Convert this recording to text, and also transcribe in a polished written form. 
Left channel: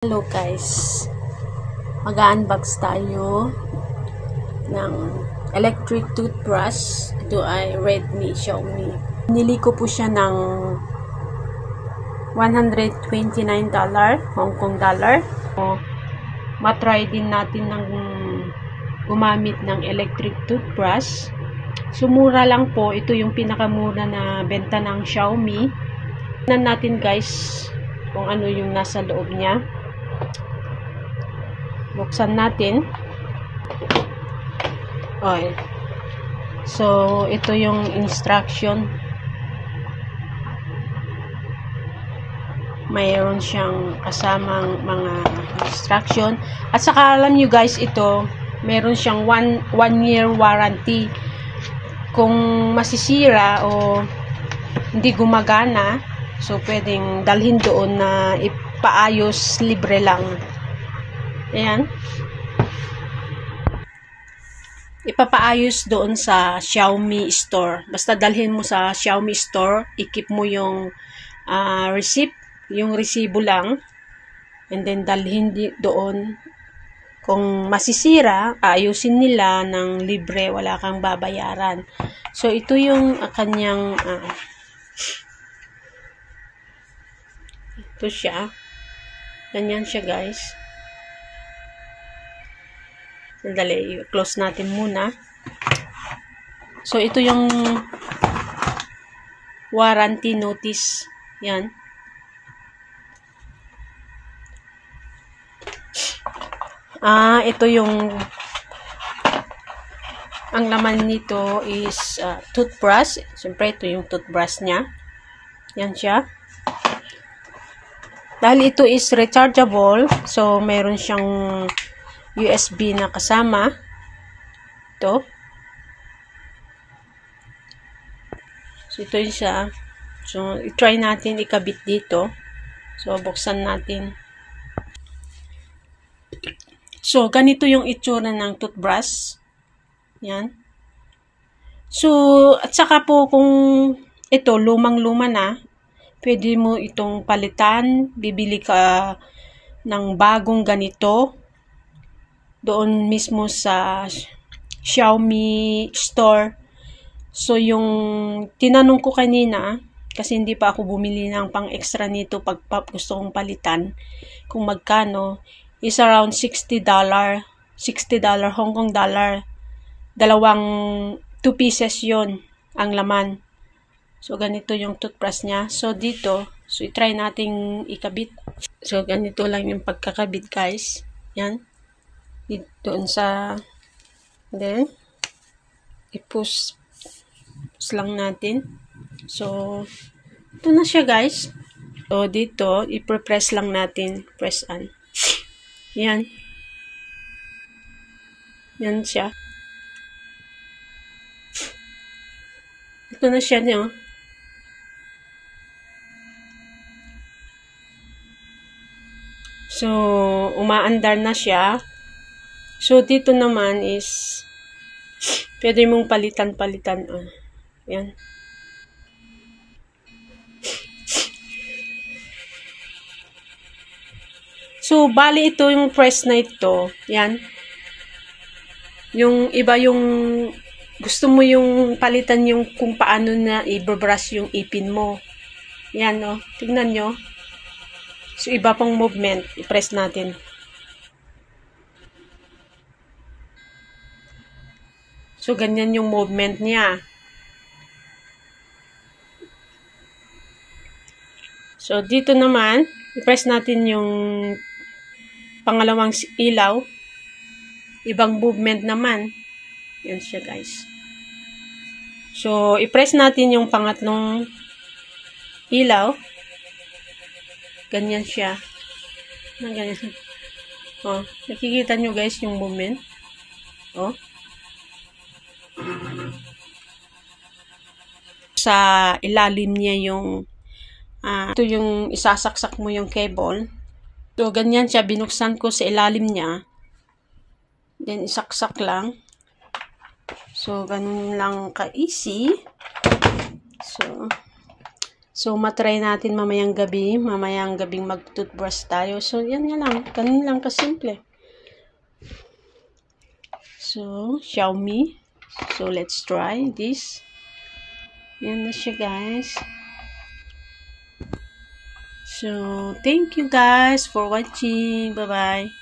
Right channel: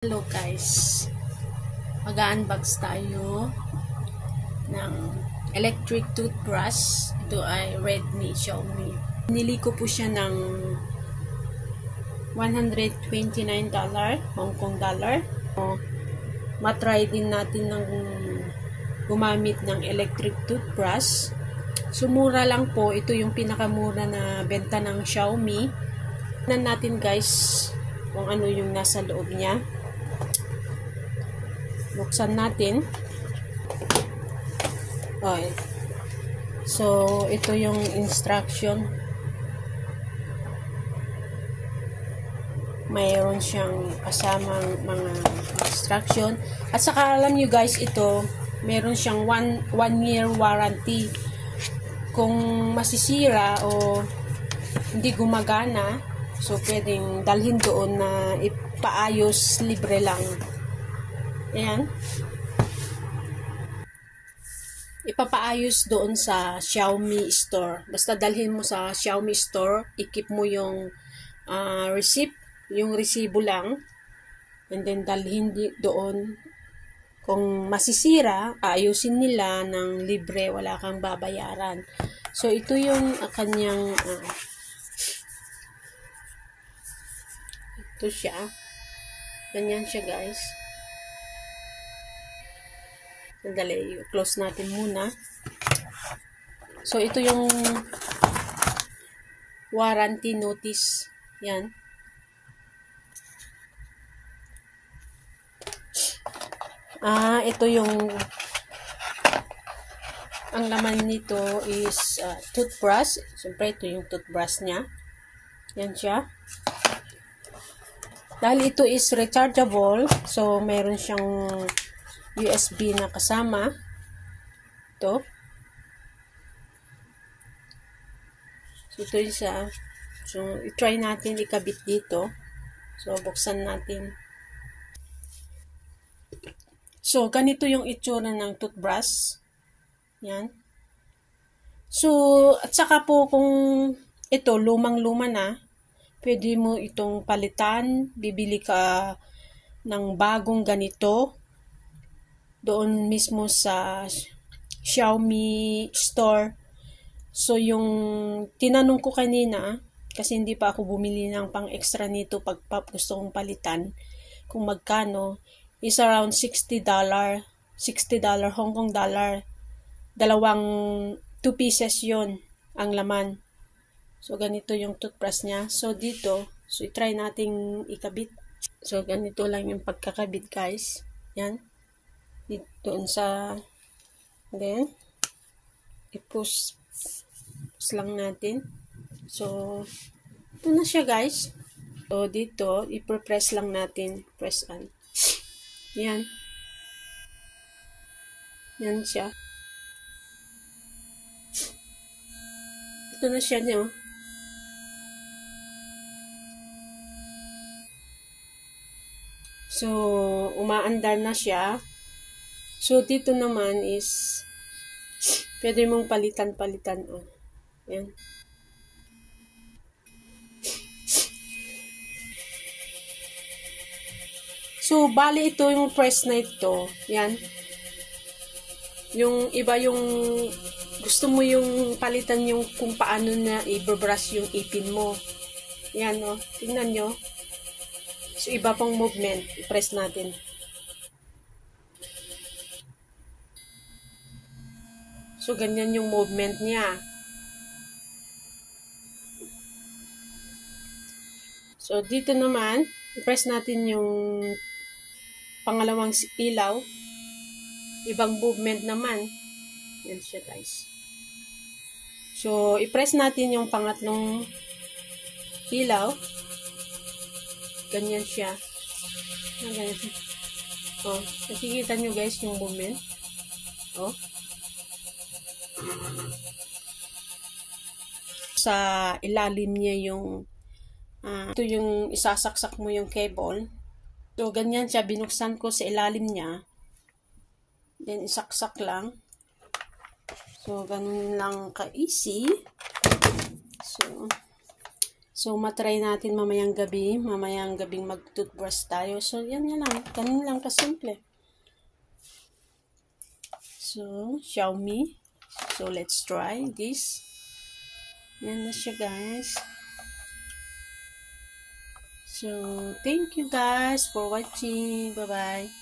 Hello guys, mag-unbox tayo ng electric toothbrush. Ito ay Redmi Xiaomi. Nili ko po siya ng $129 Hong Kong dollar. Matry din natin ng gumamit ng electric toothbrush. Sumura lang po, ito yung pinakamura na benta ng Xiaomi. Tignan natin guys kung ano yung nasa loob niya. Buksan natin. Okay. So, ito yung instruction. Mayroon siyang kasamang mga instruction. At saka alam nyo guys, ito, meron siyang one year warranty. Kung masisira o hindi gumagana, so pwedeng dalhin doon na ipaayos, libre lang. Ayan. Ipapaayos doon sa Xiaomi store. Basta dalhin mo sa Xiaomi store, i-keep mo yung receipt, yung resibo lang, and then dalhin doon. Kung masisira, ayusin nila ng libre, wala kang babayaran. So, ito yung kanyang ito siya. Ganyan siya guys. Sandali, close natin muna. So, ito yung warranty notice. Yan. Ito yung ang laman nito is toothbrush. Siyempre, ito yung toothbrush niya. Yan siya. Dahil ito is rechargeable, so meron siyang USB na kasama. Ito. So, ito yung siya. So, i-try natin ikabit dito. So, buksan natin. So, ganito yung itsura ng toothbrush. Yan. So, at saka po kung ito, lumang-luma na, pwede mo itong palitan. Bibili ka ng bagong ganito doon mismo sa Xiaomi store. So, yung tinanong ko kanina, kasi hindi pa ako bumili ng pang extra nito pag gusto kong palitan, kung magkano, is around $60 Hong Kong dollar. Dalawang 2 pieces yon ang laman. So, ganito yung toothbrush niya. So, dito, so, i-try nating ikabit. So, ganito lang yung pagkakabit guys. Yan. Doon sa, then, i-push lang natin. So, ito na siya guys. So, dito, i-press lang natin. Press on. Yan. Yan siya. Ito na siya niyo. So, umaandar na siya. So, dito naman is pwede mong palitan-palitan. Yan. So, bali ito yung press na ito. Yan. Yung iba yung gusto mo yung palitan yung kung paano na i-brush yung ipin mo. Yan, no? Tingnan nyo. So, iba pang movement. I-press natin. So, ganyan yung movement niya. So, dito naman, i-press natin yung pangalawang ilaw. Ibang movement naman. Yan siya, guys. So, i-press natin yung pangatlong ilaw. Ganyan siya. Ganyan. Nakikita nyo, guys, yung movement. Sa ilalim niya yung ito yung isasaksak mo yung cable. So, ganyan siya. Binuksan ko sa ilalim niya. Then, isaksak lang. So, ganun lang ka-easy. So, So, matry natin mamayang gabing mag-toothbrush tayo. So, yan lang. Ganun lang kasimple. So, Xiaomi. So, let's try this. Yan na siya, guys. So, thank you guys for watching. Bye-bye.